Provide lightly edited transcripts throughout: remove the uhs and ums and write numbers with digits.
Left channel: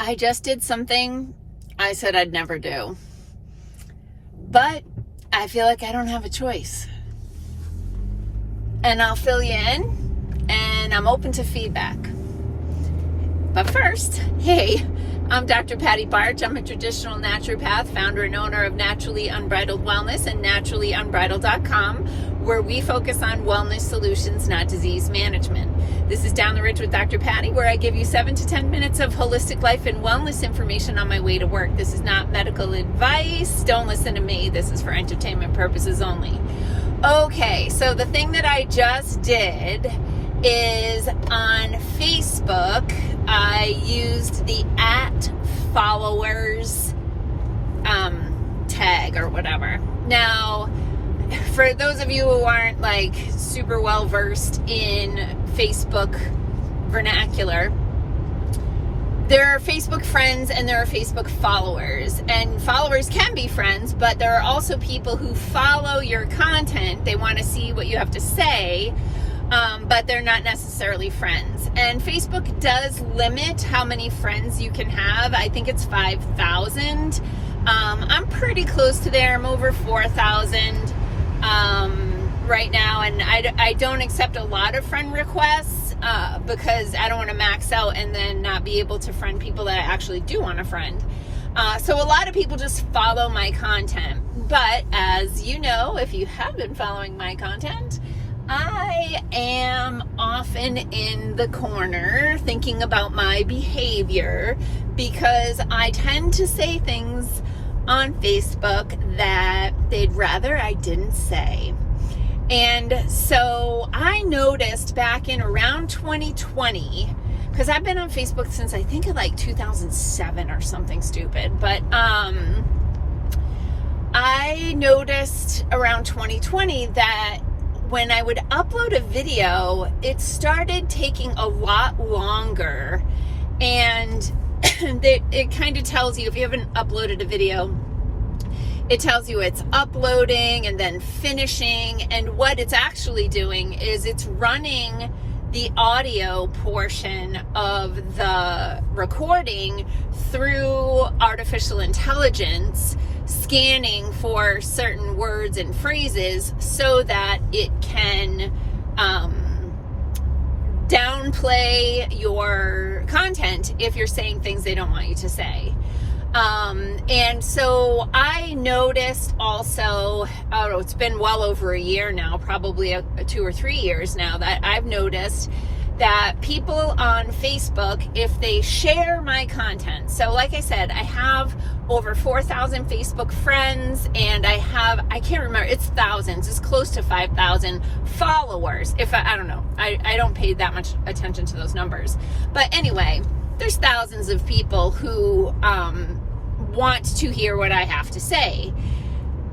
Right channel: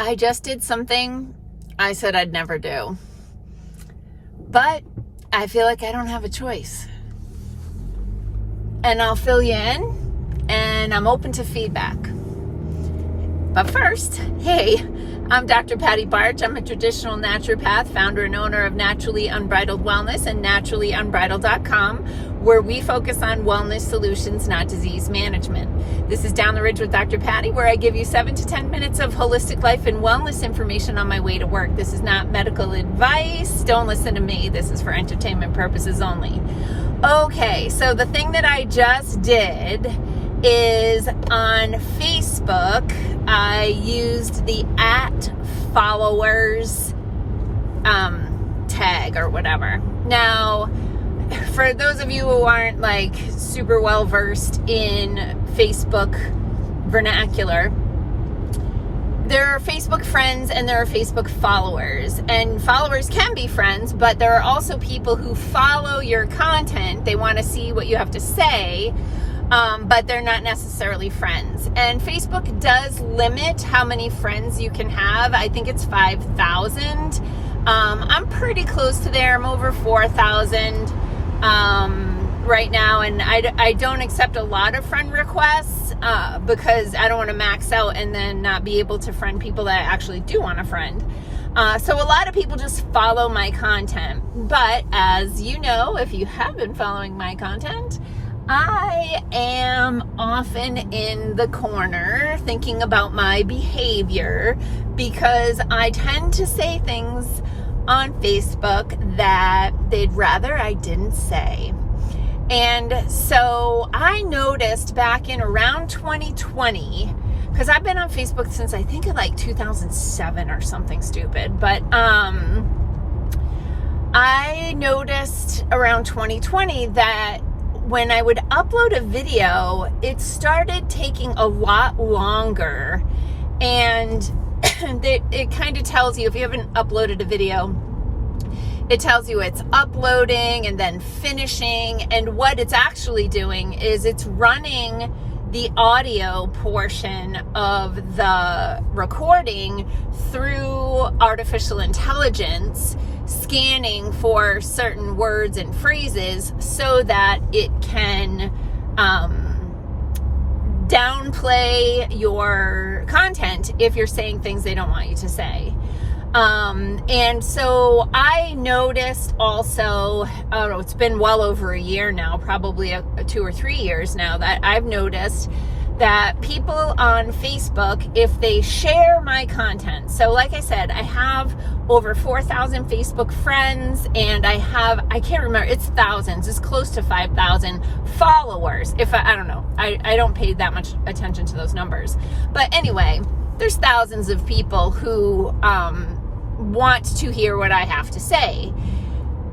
I just did something I said I'd never do. But I feel like I don't have a choice. And I'll fill you in, and I'm open to feedback. But first, hey, I'm Dr. Patty Barch. I'm a traditional naturopath, founder and owner of Naturally Unbridled Wellness and naturallyunbridled.com, where we focus on wellness solutions, not disease management. This is Down the Ridge with Dr. Patty, where I give you 7 to 10 minutes of holistic life and wellness information on my way to work. This is not medical advice. Don't listen to me. This is for entertainment purposes only. Okay, so the thing that I just did is on Facebook, I used the @followers tag or whatever. Now, for those of you who aren't like super well versed in Facebook vernacular, there are Facebook friends and there are Facebook followers, and followers can be friends, but there are also people who follow your content. They want to see what you have to say, but they're not necessarily friends. And Facebook does limit how many friends you can have. I think it's 5,000. I'm pretty close to there. I'm over 4,000 right now, and I don't accept a lot of friend requests because I don't want to max out and then not be able to friend people that I actually do want to friend. So a lot of people just follow my content. But as you know, if you have been following my content, I am often in the corner thinking about my behavior because I tend to say things on Facebook that they'd rather I didn't say. And so I noticed back in around 2020, because I've been on Facebook since I think like 2007 or something stupid, but I noticed around 2020 that when I would upload a video, it started taking a lot longer, and it kind of tells you, if you haven't uploaded a video, it tells you it's uploading and then finishing, and what it's actually doing is it's running the audio portion of the recording through artificial intelligence, scanning for certain words and phrases so that it can downplay your content if you're saying things they don't want you to say. And so I noticed also, it's been well over a year now, probably 2 or 3 years now, that I've noticed that people on Facebook, if they share my content, so like I said, I have over 4,000 Facebook friends, and I can't remember, it's thousands, it's close to 5,000 followers. If I don't know, I don't pay that much attention to those numbers. But anyway, there's thousands of people who want to hear what I have to say.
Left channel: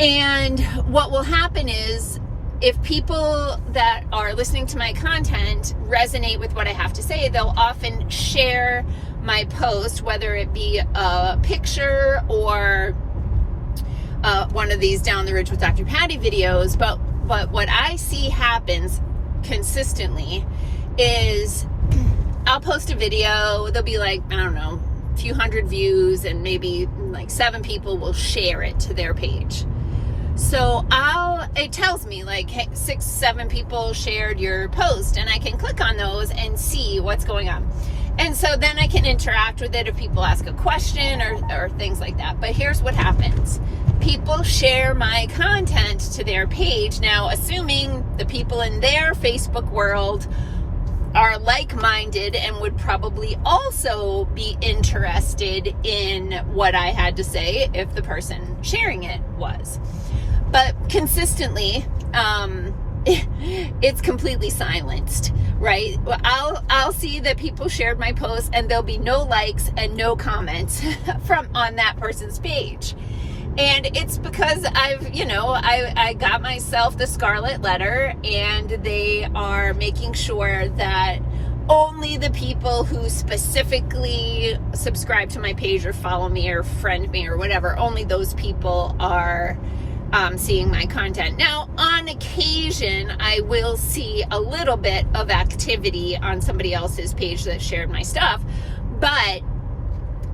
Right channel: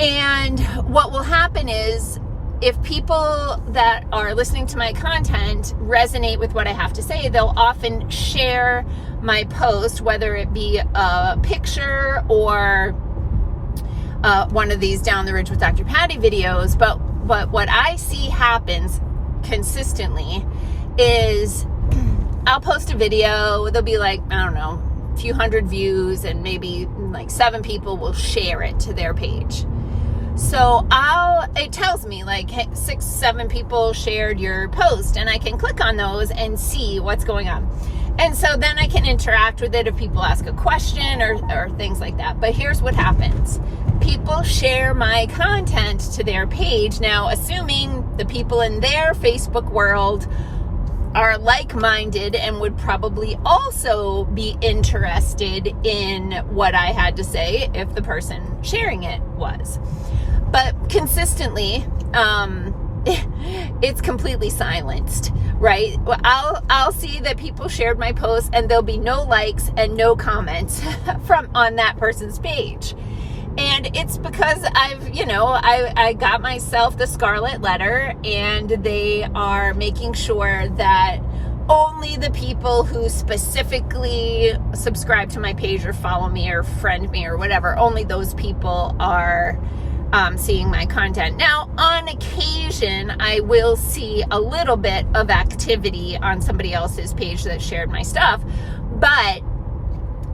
And what will happen is, if people that are listening to my content resonate with what I have to say, they'll often share my post, whether it be a picture or one of these Down the Ridge with Dr. Patty videos. But what I see happens consistently is I'll post a video, there'll be like, I don't know, a few hundred views, and maybe like 7 people will share it to their page. So it tells me like, hey, 6, 7 people shared your post, and I can click on those and see what's going on. And so then I can interact with it if people ask a question or things like that. But here's what happens. People share my content to their page. Now, assuming the people in their Facebook world are like-minded and would probably also be interested in what I had to say if the person sharing it was. But consistently, it's completely silenced, right? I'll see that people shared my post, and there'll be no likes and no comments on that person's page. And it's because I got myself the scarlet letter, and they are making sure that only the people who specifically subscribe to my page or follow me or friend me or whatever, only those people are seeing my content. Now, on occasion, I will see a little bit of activity on somebody else's page that shared my stuff, but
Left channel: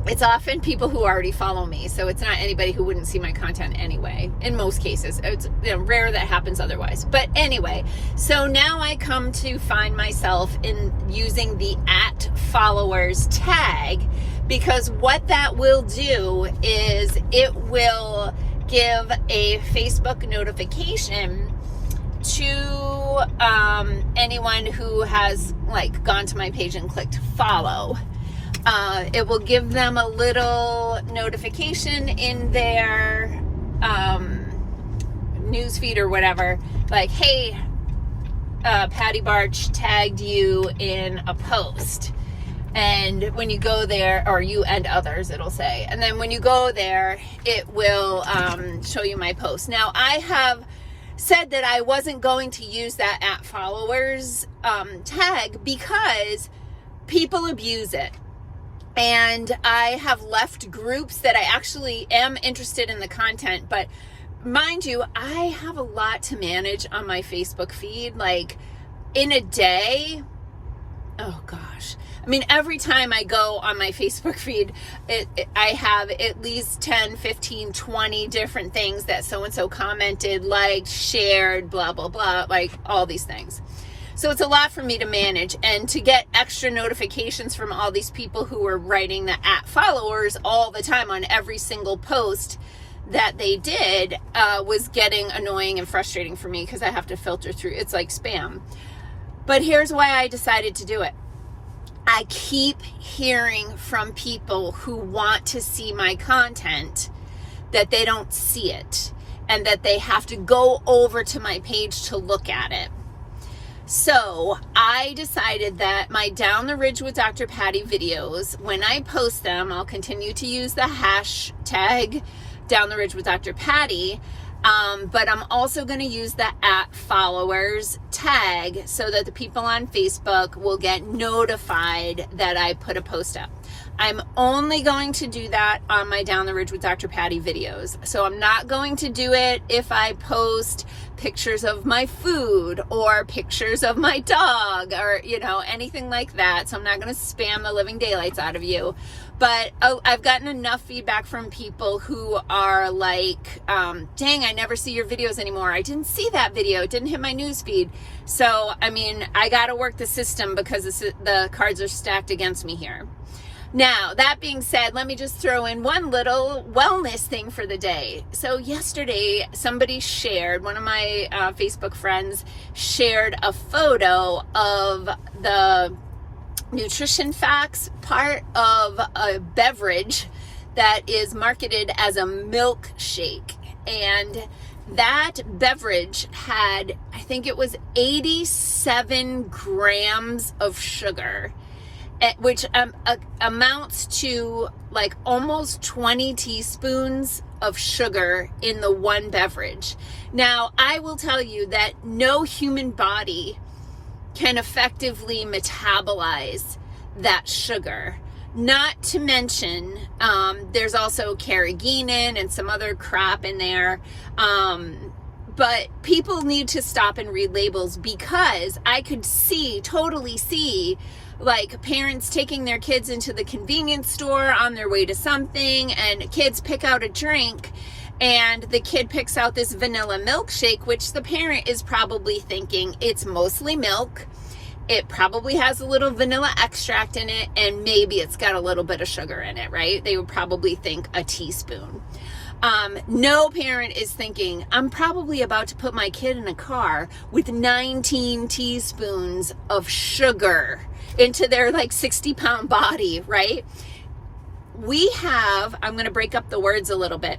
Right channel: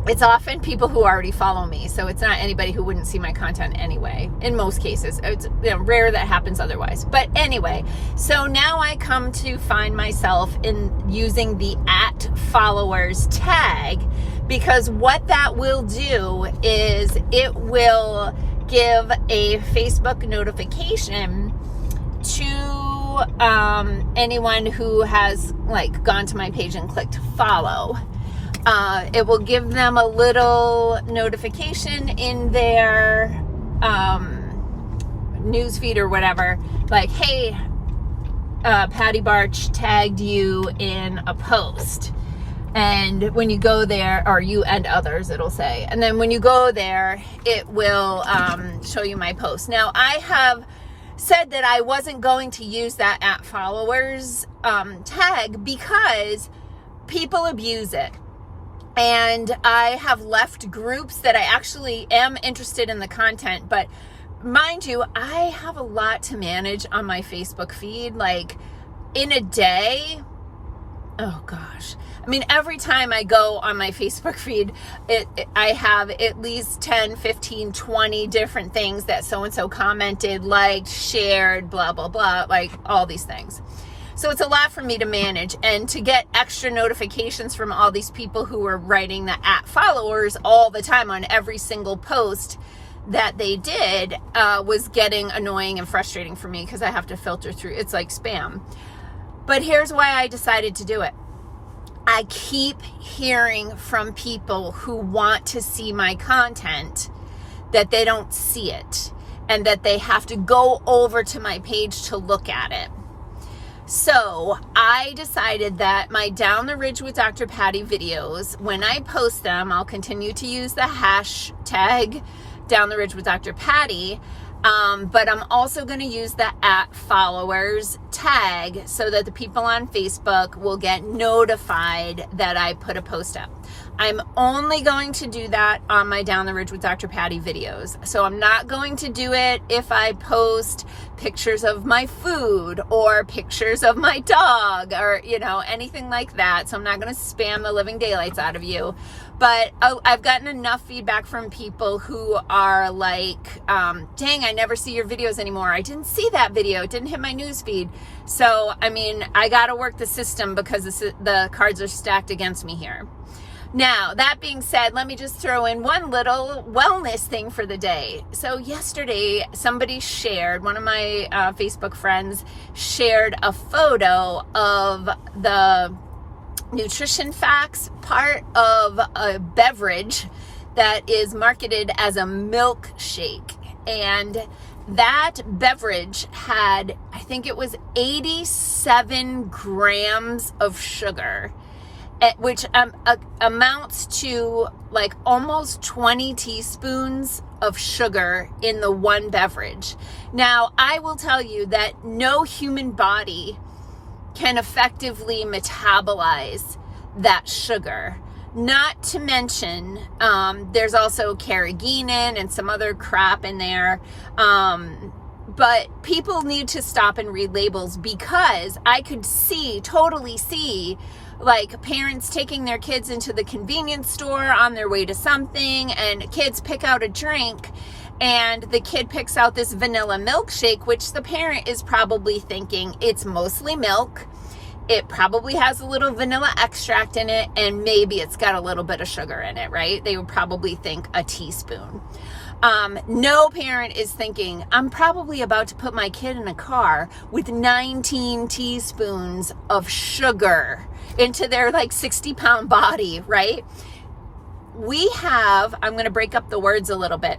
it's often people who already follow me, so it's not anybody who wouldn't see my content anyway. In most cases, it's rare that happens otherwise. But anyway, so now I come to find myself in using the @followers tag, because what that will do is it will give a Facebook notification to anyone who has like gone to my page and clicked follow. It will give them a little notification in their newsfeed or whatever, like, hey, Patty Barch tagged you in a post. And when you go there, or you and others, it'll say. And then when you go there, it will show you my post. Now, I have said that I wasn't going to use that @followers tag because people abuse it. And I have left groups that I actually am interested in the content, but mind you, I have a lot to manage on my Facebook feed. Like in a day, oh gosh. I mean, every time I go on my Facebook feed, I have at least 10, 15, 20 different things that so-and-so commented, liked, shared, blah, blah, blah, like all these things. So it's a lot for me to manage, and to get extra notifications from all these people who are writing the @followers all the time on every single post that they did was getting annoying and frustrating for me, because I have to filter through. It's like spam. But here's why I decided to do it. I keep hearing from people who want to see my content that they don't see it, and that they have to go over to my page to look at it. So I decided that my Down the Ridge with Dr. Patty videos, when I post them, I'll continue to use the hashtag Down the Ridge with Dr. Patty, but I'm also going to use the @followers tag so that the people on Facebook will get notified that I put a post up. I'm only going to do that on my Down the Ridge with Dr. Patty videos. So I'm not going to do it if I post pictures of my food or pictures of my dog or, anything like that. So I'm not going to spam the living daylights out of you. But I've gotten enough feedback from people who are like, dang, I never see your videos anymore. I didn't see that video. It didn't hit my news feed. So, I got to work the system because the cards are stacked against me here. Now, that being said, let me just throw in one little wellness thing for the day. So yesterday, somebody shared, one of my Facebook friends shared a photo of the nutrition facts part of a beverage that is marketed as a milkshake. And that beverage had, I think it was 87 grams of sugar, which amounts to like almost 20 teaspoons of sugar in the one beverage. Now, I will tell you that no human body can effectively metabolize that sugar. Not to mention, there's also carrageenan and some other crap in there. But people need to stop and read labels, because I could totally see, like parents taking their kids into the convenience store on their way to something, and kids pick out a drink, and the kid picks out this vanilla milkshake, which the parent is probably thinking it's mostly milk. It probably has a little vanilla extract in it, and maybe it's got a little bit of sugar in it, right? They would probably think a teaspoon. No parent is thinking, I'm probably about to put my kid in a car with 19 teaspoons of sugar into their like 60-pound body, right? I'm going to break up the words a little bit.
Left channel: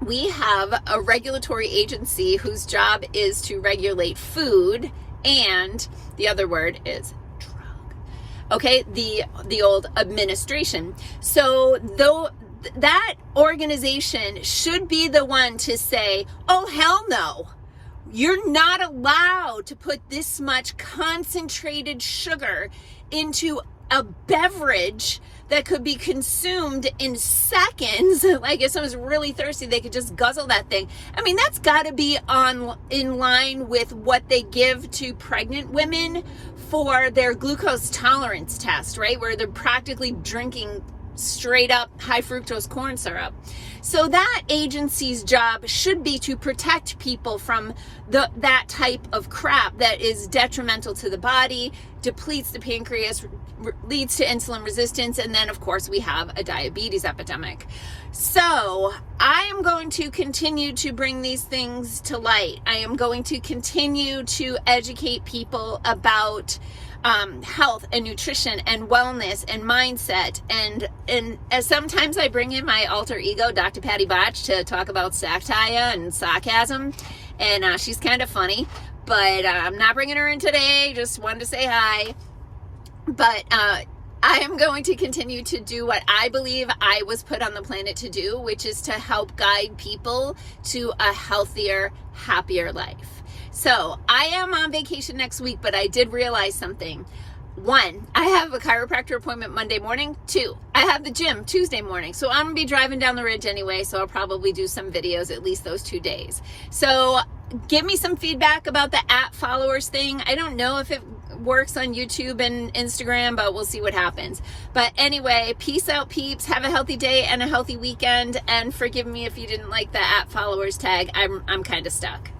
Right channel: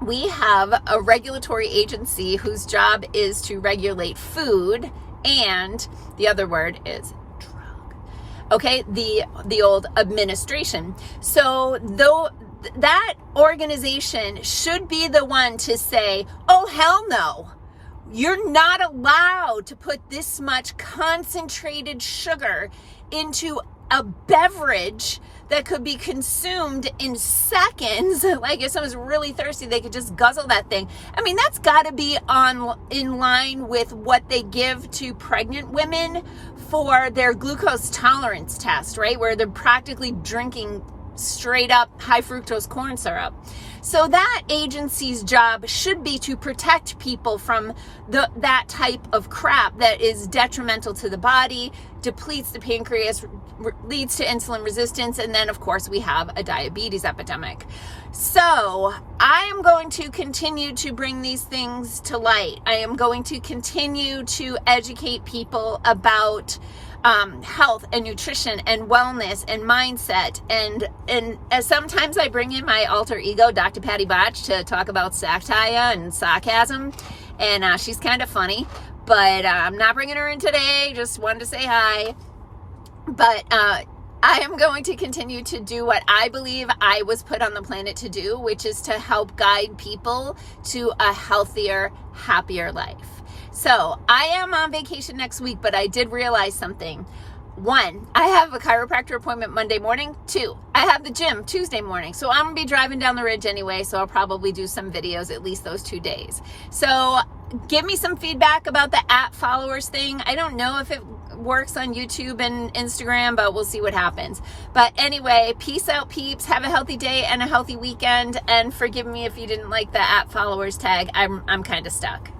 We have a regulatory agency whose job is to regulate food, and the other word is drug. Okay, the old administration. So that organization should be the one to say, oh, hell no. You're not allowed to put this much concentrated sugar into a beverage that could be consumed in seconds. Like if someone's really thirsty, they could just guzzle that thing. That's got to be in line with what they give to pregnant women for their glucose tolerance test, right? Where they're practically drinking straight up high fructose corn syrup. So that agency's job should be to protect people from that type of crap that is detrimental to the body, depletes the pancreas, leads to insulin resistance, and then of course we have a diabetes epidemic. So I am going to continue to bring these things to light. I am going to continue to educate people about health and nutrition and wellness and mindset, and sometimes I bring in my alter ego, Dr. Patty Botch, to talk about satire and sarcasm, and she's kind of funny, but I'm not bringing her in today. Just wanted to say hi. But I am going to continue to do what I believe I was put on the planet to do, which is to help guide people to a healthier, happier life. So I am on vacation next week, but I did realize something. 1, I have a chiropractor appointment Monday morning. 2, I have the gym Tuesday morning. So I'm gonna be driving down the ridge anyway, so I'll probably do some videos at least those 2 days. So give me some feedback about the @followers thing. I don't know if it works on YouTube and Instagram, but we'll see what happens. But anyway, peace out, peeps. Have a healthy day and a healthy weekend, and forgive me if you didn't like the @followers tag. I'm kind of stuck.